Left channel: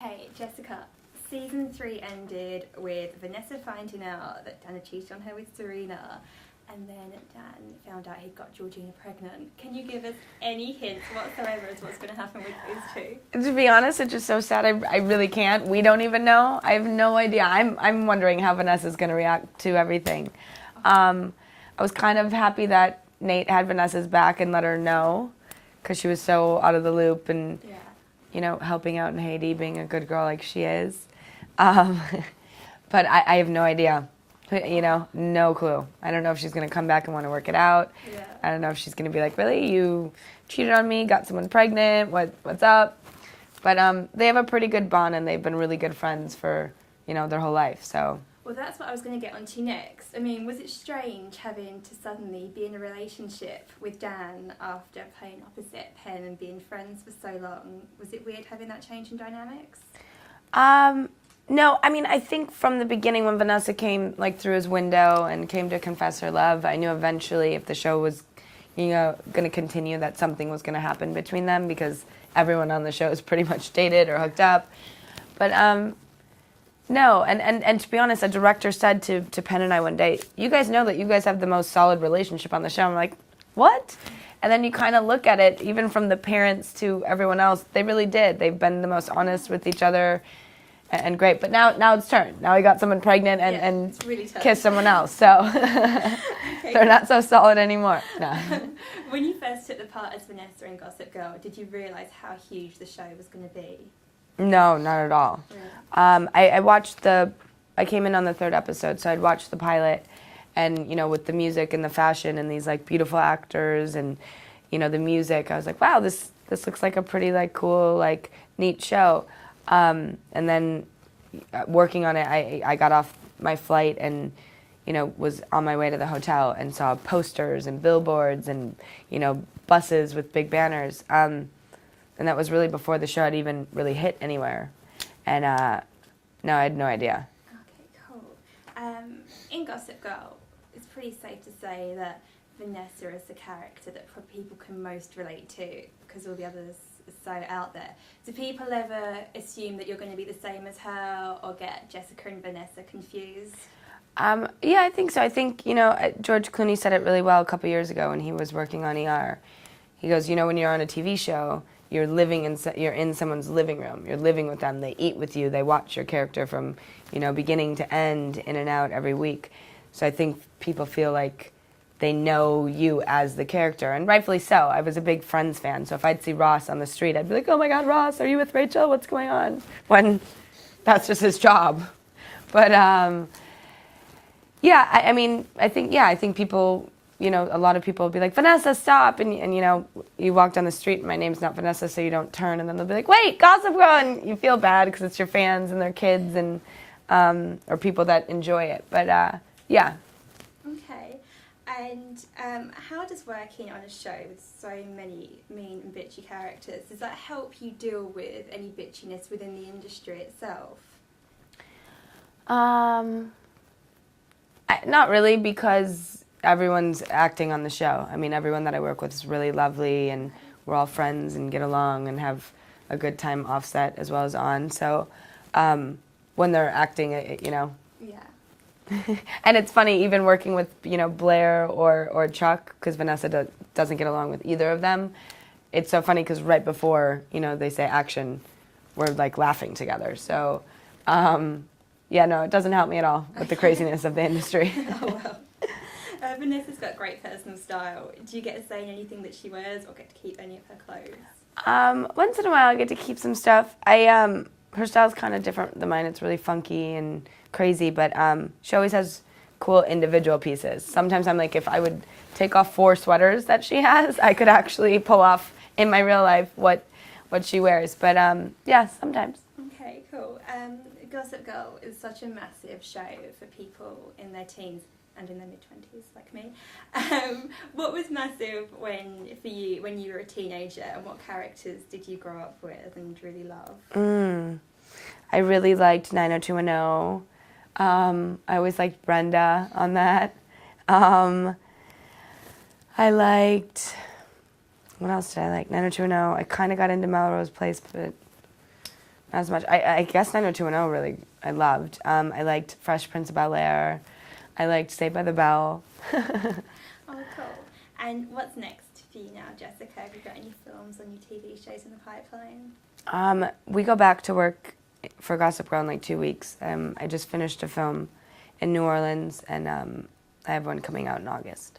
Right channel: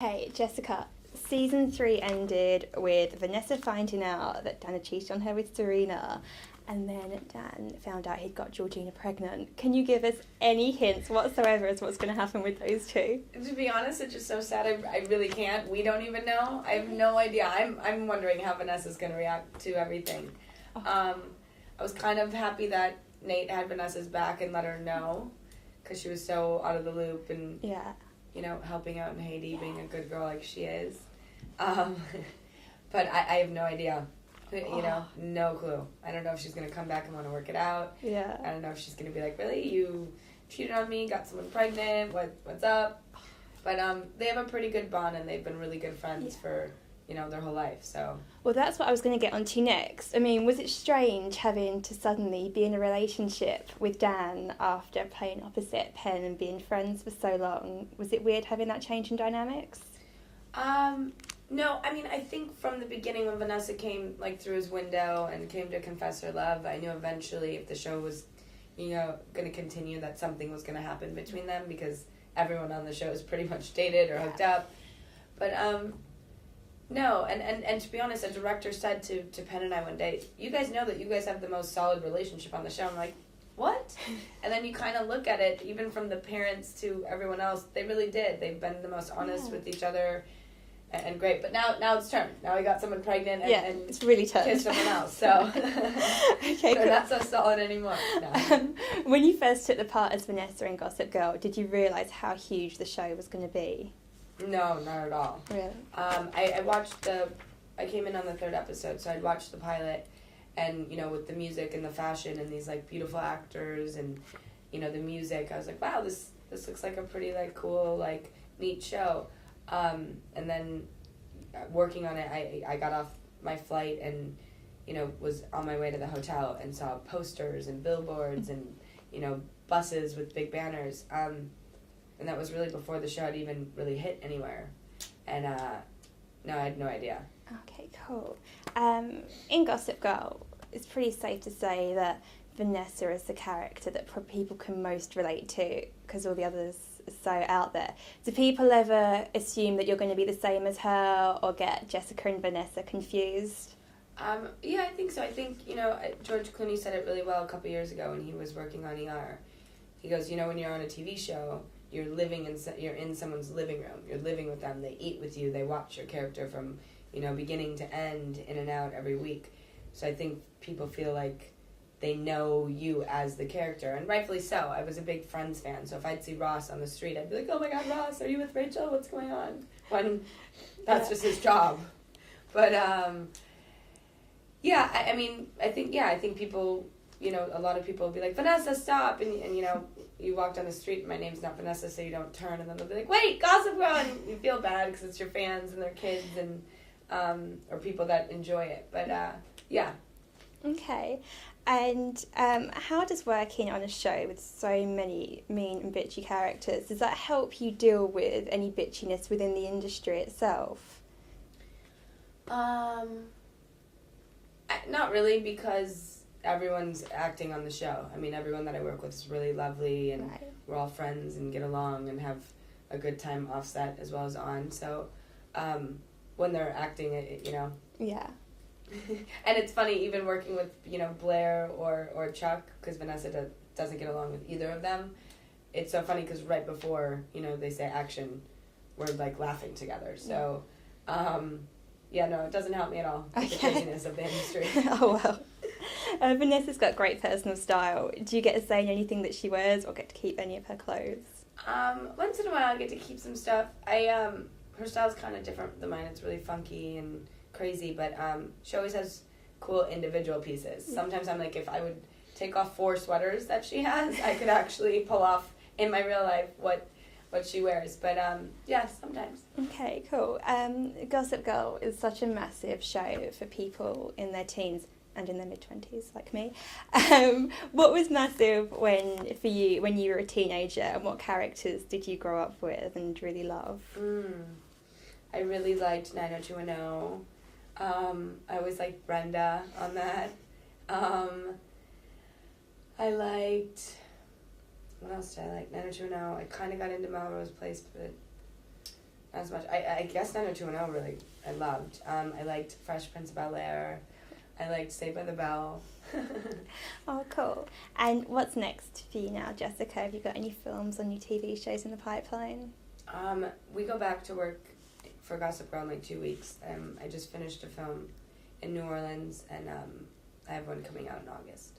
Hey, Jessica. Season 3 ended with Vanessa finding out that Dan had cheated on her with Serena, and then Dan found out he'd got Georgina pregnant. Can you give us any hints whatsoever as to what's going to happen with those two? To be honest, it's just so sad. I really can't. We don't even know. I have no idea. I'm wondering how Vanessa's going to react to everything. I was kind of happy that Nate had Vanessa's back and let her know, because she was so out of the loop and Yeah. helping out in Haiti, being a good girl like she is. But I have no idea. No clue. I don't know if she's going to come back and want to work it out. Yeah. I don't know if she's going to be like, really? You cheated on me, got someone pregnant, what's up? But they have a pretty good bond, and they've been really good friends for, their whole life, so. Well, that's what I was going to get onto next. I mean, was it strange having to suddenly be in a relationship with Dan after playing opposite Penn and being friends for so long? Was it weird having that change in dynamics? No, I mean, I think from the beginning when Vanessa came, through his window and came to confess her love, I knew eventually if the show was, going to continue that something was going to happen between them, because everyone on the show is pretty much dated or hooked up. But, no, and to be honest, a director said to Penn and I one day, you guys know that you guys have the most solid relationship on the show. I'm like, what? And then you kind of look at it, even from the parents to everyone else, they really did. They've been the most honest with each other. And great, but now it's turned. Now he got someone pregnant and it's really kissed someone else, so Okay, they're not so solid anymore. No. When you first took the part as Vanessa in Gossip Girl, did you realise how huge the show was going to be? No, not at all. Really? I came in on the 3rd episode, so I'd watched the pilot, and with the music and the fashion and these beautiful actors and the music, I was like, wow, this looks like a pretty cool neat show. And then working on it, I got off my flight and, was on my way to the hotel and saw posters and billboards and, buses with big banners. And that was really before the show had even really hit anywhere. And no, I had no idea. Okay, cool. In Gossip Girl, it's pretty safe to say that Vanessa is the character that people can most relate to, because all the others are so out there. Do people ever assume that you're going to be the same as her, or get Jessica and Vanessa confused? Yeah, I think so. I think, George Clooney said it really well a couple years ago when he was working on ER. He goes, when you're on a TV show, you're in someone's living room. You're living with them. They eat with you. They watch your character from, beginning to end, in and out every week. So I think people feel like they know you as the character, and rightfully so. I was a big Friends fan, so if I'd see Ross on the street, I'd be like, oh my God, Ross, are you with Rachel? What's going on? When that's just his job. But, yeah, I think people, a lot of people will be like, Vanessa, stop, and you walk down the street, and my name's not Vanessa, so you don't turn, and then they'll be like, wait, Gossip Girl, and you feel bad because it's your fans and their kids and, or people that enjoy it, but, yeah. Okay. And how does working on a show with so many mean and bitchy characters, does that help you deal with any bitchiness within the industry itself? Not really, because everyone's acting on the show. I mean, everyone that I work with is really lovely, and we're all friends and get along and have a good time off set as well as on. So when they're acting, Yeah. And it's funny, even working with, Blair or Chuck, because Vanessa doesn't get along with either of them. It's so funny because right before, they say action, we're laughing together. So, yeah, no, it doesn't help me at all with the craziness of the industry. Oh, wow. Vanessa's got great personal style. Do you get to say in anything that she wears, or get to keep any of her clothes? Once in a while I get to keep some stuff. Her style's kind of different than mine. It's really funky and crazy, but she always has cool individual pieces. Sometimes I'm like, if I would take off 4 sweaters that she has, I could actually pull off in my real life what she wears. But yeah, sometimes. Okay, cool. Gossip Girl is such a massive show for people in their teens and in their mid-20s, like me. What was massive for you when you were a teenager, and what characters did you grow up with and really love? I really liked 90210. I always liked Brenda on that. I liked, what else did I like? 90210. I kind of got into Melrose Place, but not as much. I guess 90210 really I loved. I liked Fresh Prince of Bel-Air. I liked Saved by the Bell. Oh, cool. And what's next for you now, Jessica? Have you got any films on your TV shows in the pipeline? We go back to work for Gossip Girl in like 2 weeks. I just finished a film in New Orleans, and I have one coming out in August.